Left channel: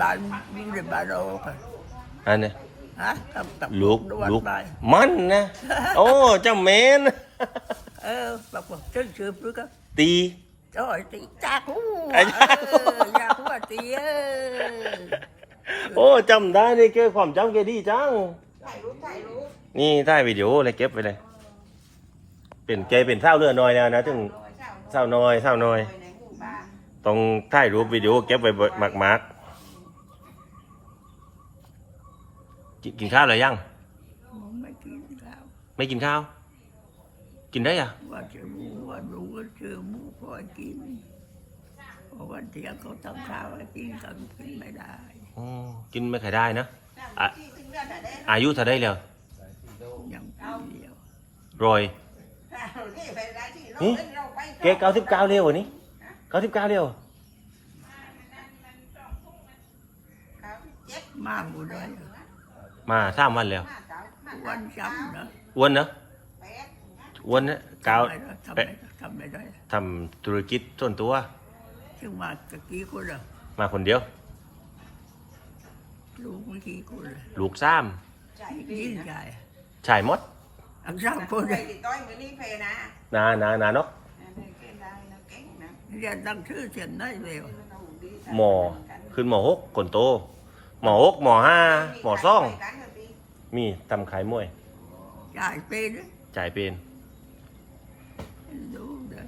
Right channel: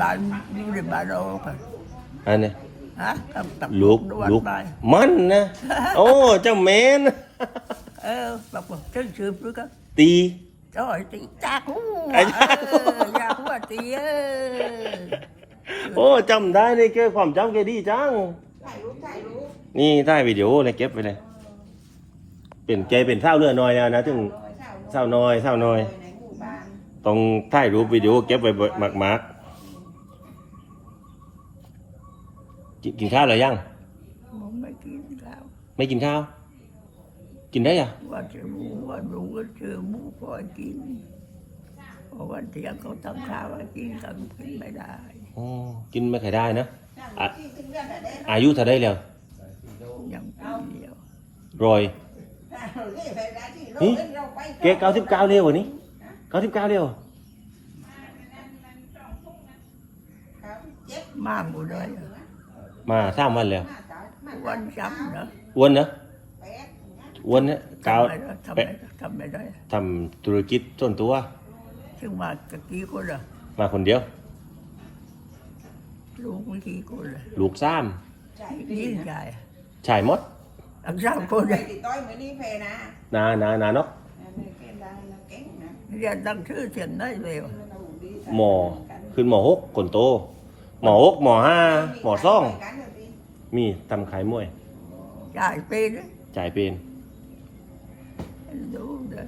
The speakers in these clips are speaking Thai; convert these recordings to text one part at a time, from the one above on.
บ้านอยู่ในบ้านเราค่ะอันนี้ฮะกับกับลูกนวดลูกไปมันนะ โอ้ เจ้าแม่นเออแบบว่าฉันสืบด้วยก็ตี จ้อยตีจักไอ้จักเอออยากว่าตีเออโอ้จำได้นี่แกความจำแกดีจัง นี่ถ่ายวิดีโอเลยเก็บไปเลย เป็นแกเป็นเศร้าเรือน้อยแล้วนะถึงเศร้าน้อยเศร้าน้อย ต้องถ่ายรูปวิดีโอเก็บไว้มากมากๆ กินกินข้าวหรือยัง ผมไม่กินข้าวไม่กินข้าว กินได้อะว่าจะรู้ว่ารู้ก็เจอหมูพอยกินเพราะวันเที่ยงเขาทำข้าวให้กินกันกินไม่ได้อ๋อกินไม่ค่อยได้นะอะอายุเท่าได้แล้วยังปีเดียวรอยแกเก้าสิบเก้าเร็ววันนี้เก้าสิบเก้าเร็วมากหมดเลย มาสามวันแล้ววันจับนะอ้วนเนอะอ้วนนะเก้าทำไม่ได้ทำไม่ได้ทำธุรกิจส่วนตัวถึงมาตะกี้คนละมาคนเดียว ลูกไม่กี่คนละลูกสามยิ่งใหญ่ชายมดทั้งสามคนเลยต้อยมือนี่เพนะนานานาเนาะเก่งได้นะเก่งนะเรียนตั้งชื่อเสียนได้เร็วหมอขึ้นหมอหกคนโต หมอหกหมอห้าหมอซ่อง มีทำขายมวย จ่ายเป็นเลยจ่ายเป็น ดูเด้อ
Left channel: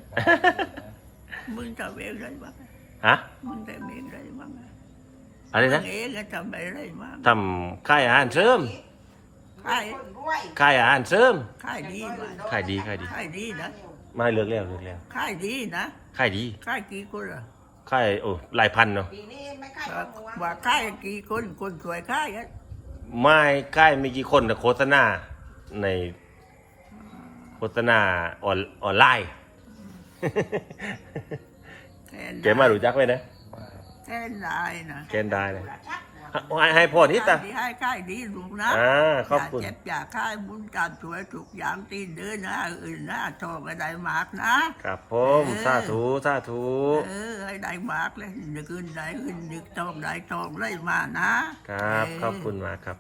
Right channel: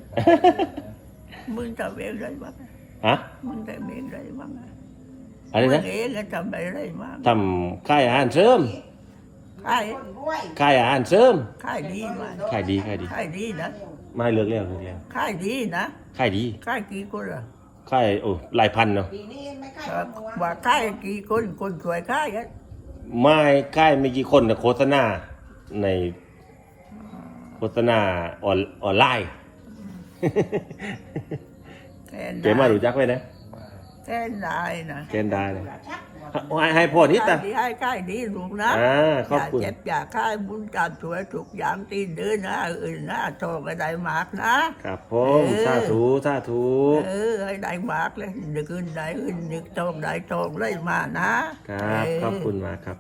มึงทำเองไรบ้างฮะ มึงทำเองไรบ้างอะไรนะมึงเองก็ทำอะไรบ้างทำค่ายอาหารเสริมขายค่ายอาหารเสริมขายดีมากขายดีขายดีขายดีนะ ไม่เลิกแล้วเลิกแล้วขายดีนะขายดีขายกี่คนอะ ขายโอ้หลายพันเนาะปีนี้ไม่ค่ายว่าขายกี่คนคนสวยขายกันไม่ขายไม่กี่คนนะโฆษณาในโฆษณาออนออนไลน์แค่เก๋มารู้จักไหมนะแค่ได้นะเกณฑ์ได้นะให้ ให้พ่อที่ตาขายดีให้ขายดีลูกนะอย่าเจ็บอย่าขายบุญการสวยทุกอย่างตีนเดินนะอื่นนะโทรไปได้มากนะ ครับผมเอสาธุสาธุเออให้ได้มากเลยนึกขึ้นได้ขึ้นนึกทองได้ทองเลยมานะครับ ขอบคุณมากครับ